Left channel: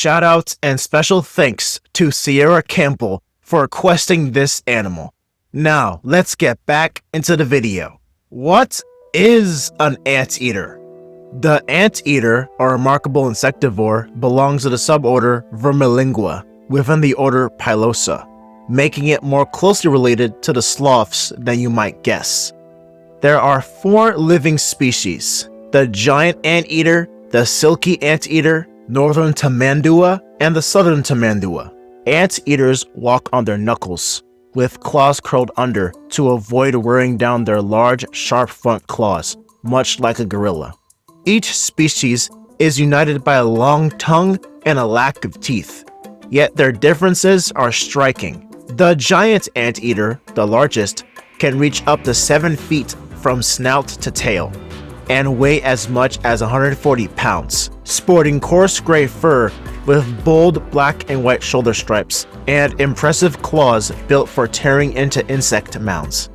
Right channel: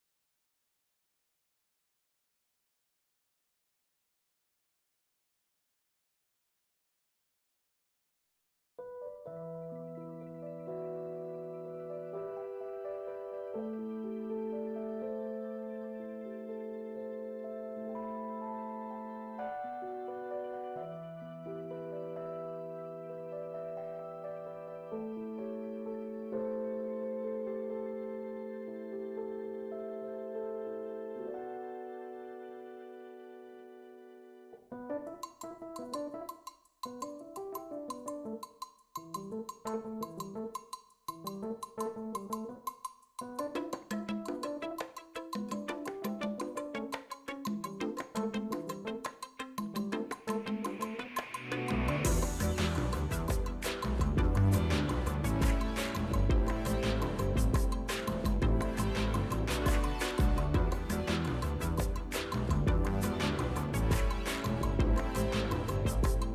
Shout out and special thanks to Sierra Campbell for requesting this animal. Now, let's get back into the video. What is an anteater? The anteater, a remarkable insectivore, belongs to the suborder Vermilingua within the order Pilosa, making it more closely related to the sloths than you might guess. There are 4 living species: the giant anteater, the silky anteater, northern Tamandua, and the southern Tamandua. Anteaters walk on their knuckles, with claws curled under to avoid wearing down their large, sharp front claws, much like a gorilla. Each species is united by a long tongue and a lack of teeth, yet their differences are striking. The giant anteater, the largest, can reach up to 7 feet from snout to tail, and weigh as much as 140 pounds, sporting coarse gray fur with bold black and white shoulder stripes, and impressive claws built for tearing into insect mounds.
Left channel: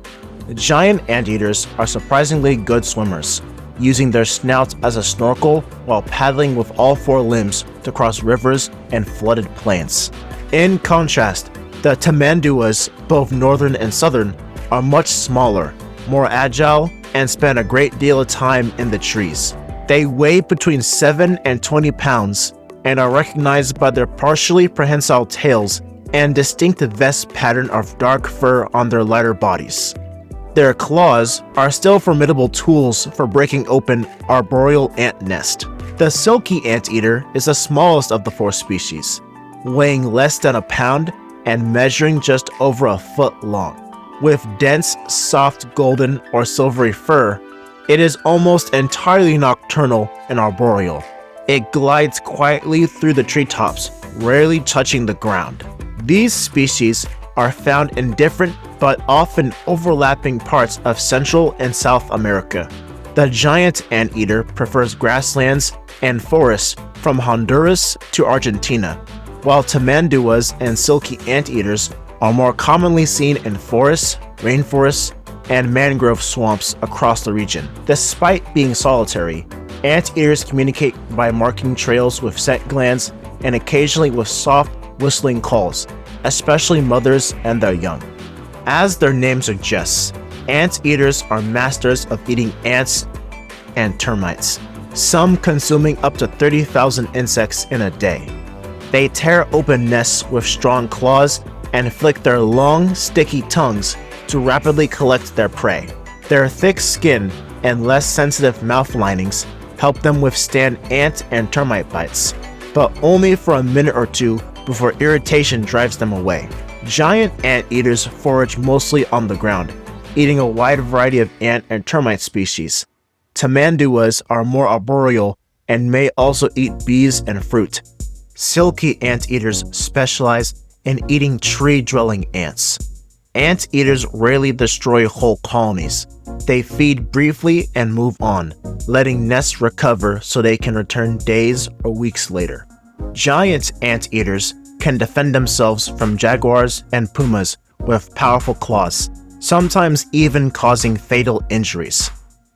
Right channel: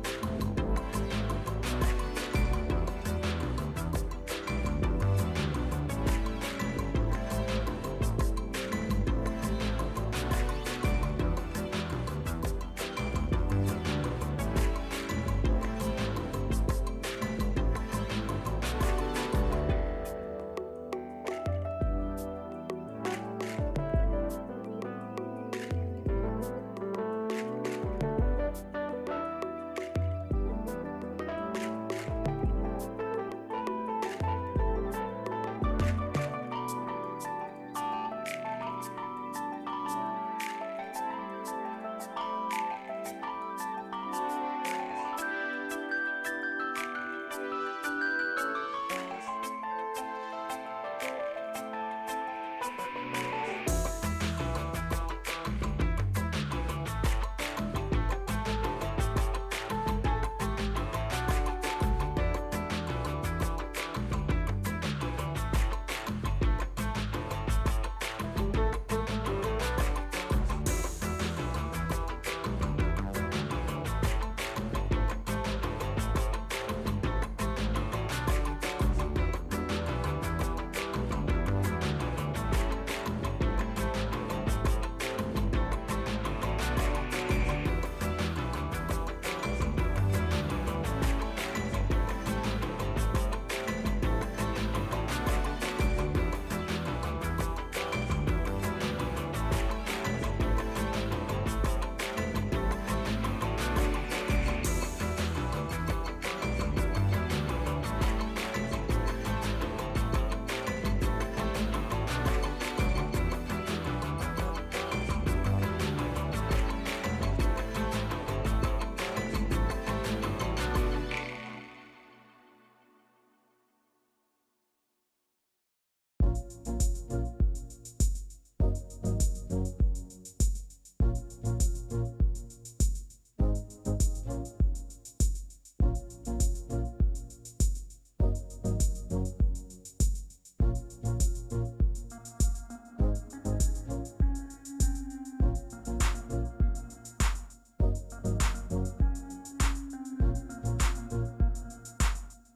Giant anteaters are surprisingly good swimmers, using their snouts as a snorkel while paddling with all 4 limbs to cross rivers and flooded plains. In contrast, the tamanduas, both northern and southern, are much smaller, more agile, and spend a great deal of time in the trees. They weigh between 7 and 20 pounds and are recognized by their partially prehensile tails and distinctive vest pattern of dark fur on their lighter bodies. Their claws are still formidable tools for breaking open arboreal ant nest. The silky anteater is the smallest of the 4 species, weighing less than a pound and measuring just over a foot long. With dense, soft golden or silvery fur, it is almost entirely nocturnal and arboreal. It glides quietly through the treetops, rarely touching the ground. These species are found in different but often overlapping parts of Central and South America. The giant anteater prefers grasslands and forests from Honduras to Argentina, while tamanduas and silky anteaters are more commonly seen in forests, rainforests, and mangrove swamps across the region. Despite being solitary, anteaters communicate by marking trails with scent glands and occasionally with soft, whistling calls, especially mothers and their young. As their name suggests, anteaters are masters of eating ants and termites, some consuming up to 30,000 insects in a day. They tear open nests with strong claws and flick their long, sticky tongues to rapidly collect their prey. Their thick skin and less sensitive mouth linings help them withstand ant and termite bites, but only for a minute or 2 before irritation drives them away. Giant anteaters forage mostly on the ground, eating a wide variety of ant and termite species. Tamanduas are more arboreal and may also eat bees and fruit. Silky anteaters specialize in eating tree-dwelling ants. Anteaters rarely destroy whole colonies. They feed briefly and move on, letting nests recover so they can return days or weeks later. Giant anteaters can defend themselves from jaguars and pumas with powerful claws, sometimes even causing fatal injuries.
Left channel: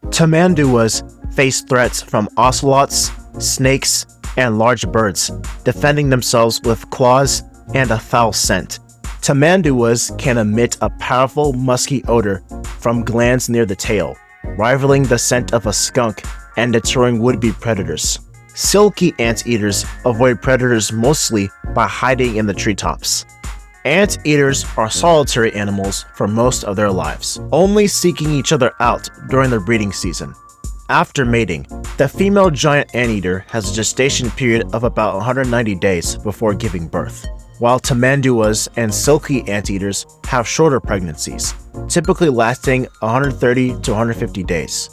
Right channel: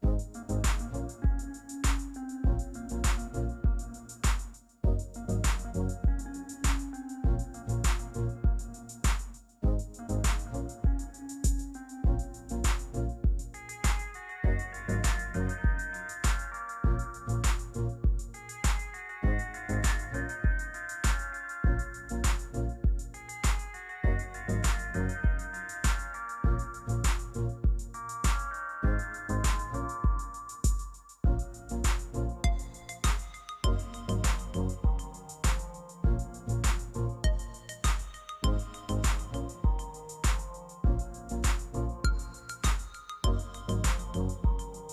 Tamanduas face threats from ocelots, snakes, and large birds, defending themselves with claws and a foul scent. Tamanduas can emit a powerful musky odor from glands near the tail, rivaling the scent of a skunk and deterring would-be predators. Silky anteaters avoid predators mostly by hiding in the treetops. Anteaters are solitary animals for most of their lives, only seeking each other out during their breeding season. After mating, the female giant anteater has a gestation period of about 190 days before giving birth, while tamanduas and silky anteaters have shorter pregnancies, typically lasting 130 to 150 days.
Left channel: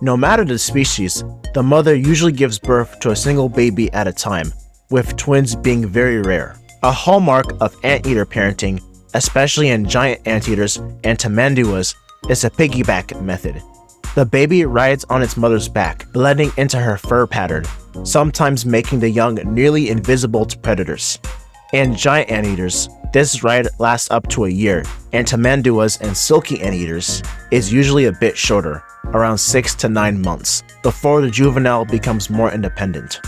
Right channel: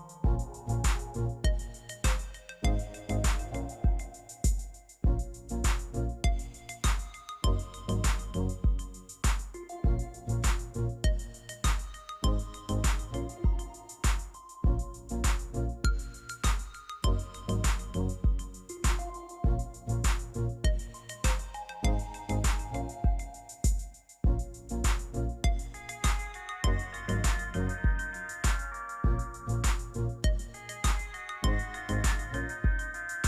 No matter the species, the mother usually gives birth to a single baby at a time, with twins being very rare. A hallmark of anteater parenting, especially in giant anteaters and tamanduas, is a piggyback method. The baby rides on its mother's back, blending into her fur pattern, sometimes making the young nearly invisible to predators. In giant anteaters, this ride lasts up to a year, and tamanduas and silky anteaters is usually a bit shorter, around 6 to 9 months, before the juvenile becomes more independent.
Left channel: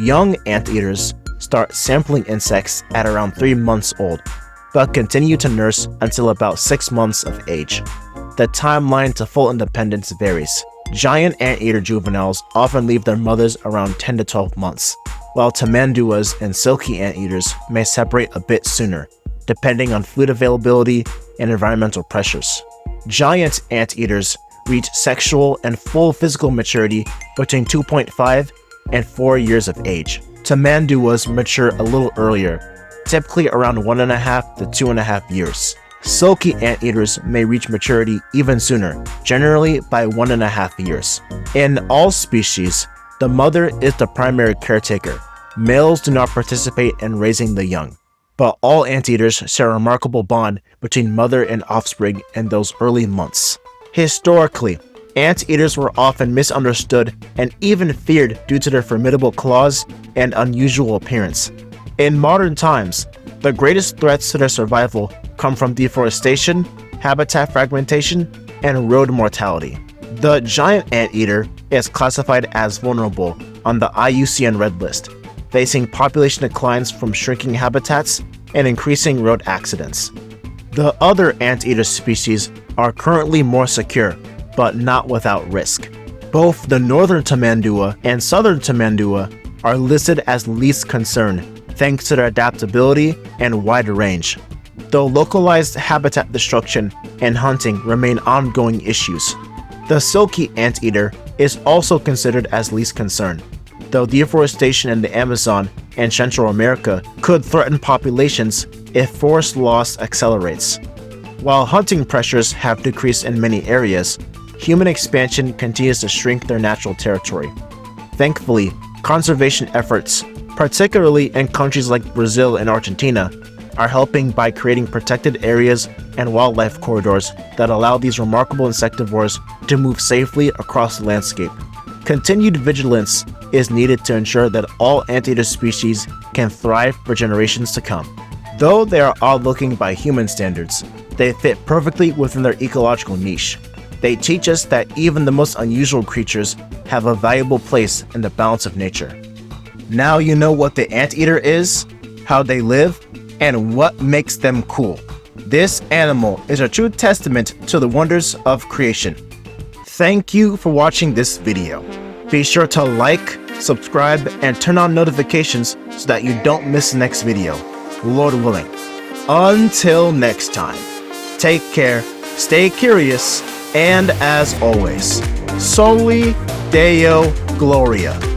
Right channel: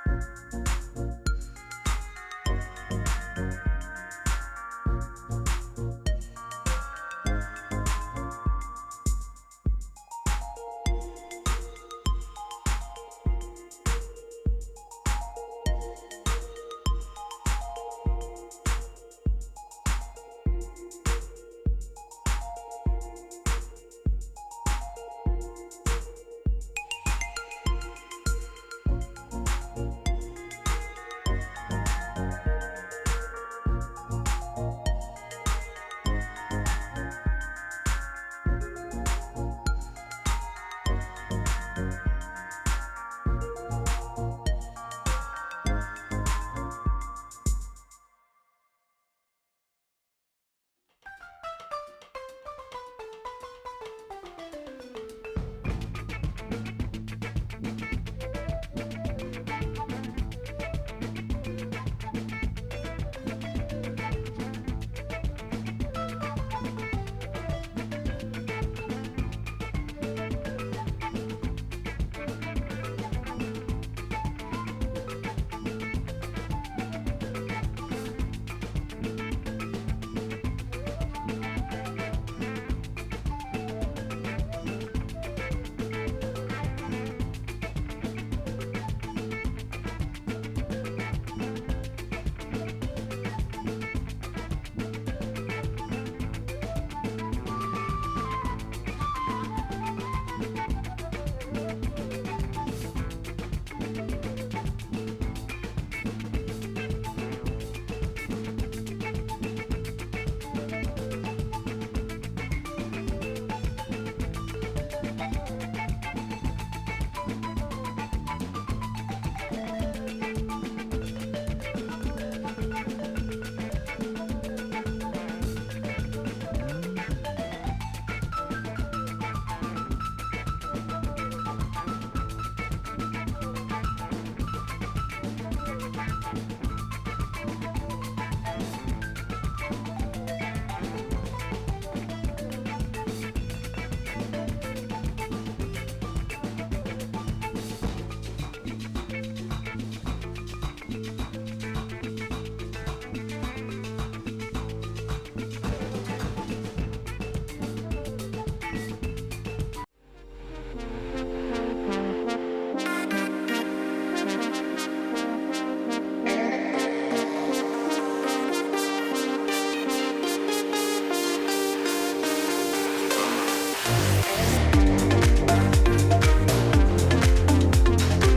Young anteaters start sampling insects at around 3 months old, but continue to nurse until about 6 months of age. The timeline to full independence varies. Giant anteater juveniles often leave their mothers around 10 to 12 months, while tamanduas and silky anteaters may separate a bit sooner, depending on food availability and environmental pressures. Giant anteaters reach sexual and full physical maturity between 2.5 and 4 years of age. Tamanduas mature a little earlier, typically around 1.5 to 2.5 years. Silky anteaters may reach maturity even sooner, generally by 1.5 years. In all species, the mother is the primary caretaker. Males do not participate in raising the young, but all anteaters share a remarkable bond between mother and offspring in those early months. Historically, anteaters were often misunderstood and even feared due to their formidable claws and unusual appearance. In modern times, the greatest threats to their survival come from deforestation, habitat fragmentation, and road mortality. The giant anteater is classified as vulnerable on the IUCN Red List, facing population declines from shrinking habitats and increasing road accidents. The other anteater species are currently more secure, but not without risk. Both the northern tamandua and southern tamandua are listed as least concern thanks to their adaptability and wide range, though localized habitat destruction and hunting remain ongoing issues. The silky anteater is also considered as least concern, though deforestation in the Amazon and Central America could threaten populations if forest loss accelerates. While hunting pressures have decreased in many areas, human expansion continues to shrink their natural territory. Thankfully, conservation efforts, particularly in countries like Brazil and Argentina, are helping by creating protected areas and wildlife corridors that allow these remarkable insectivores to move safely across the landscape. Continued vigilance is needed to ensure that all anteater species can thrive for generations to come. Though they are odd-looking by human standards, they fit perfectly within their ecological niche. They teach us that even the most unusual creatures have a valuable place in the balance of nature. Now you know what the anteater is, how they live, and what makes them cool. This animal is a true testament to the wonders of creation. Thank you for watching this video. Be sure to like, subscribe, and turn on notifications so that you don't miss the next video, Lord willing. Until next time, take care, stay curious, and as always, Soli Deo Gloria.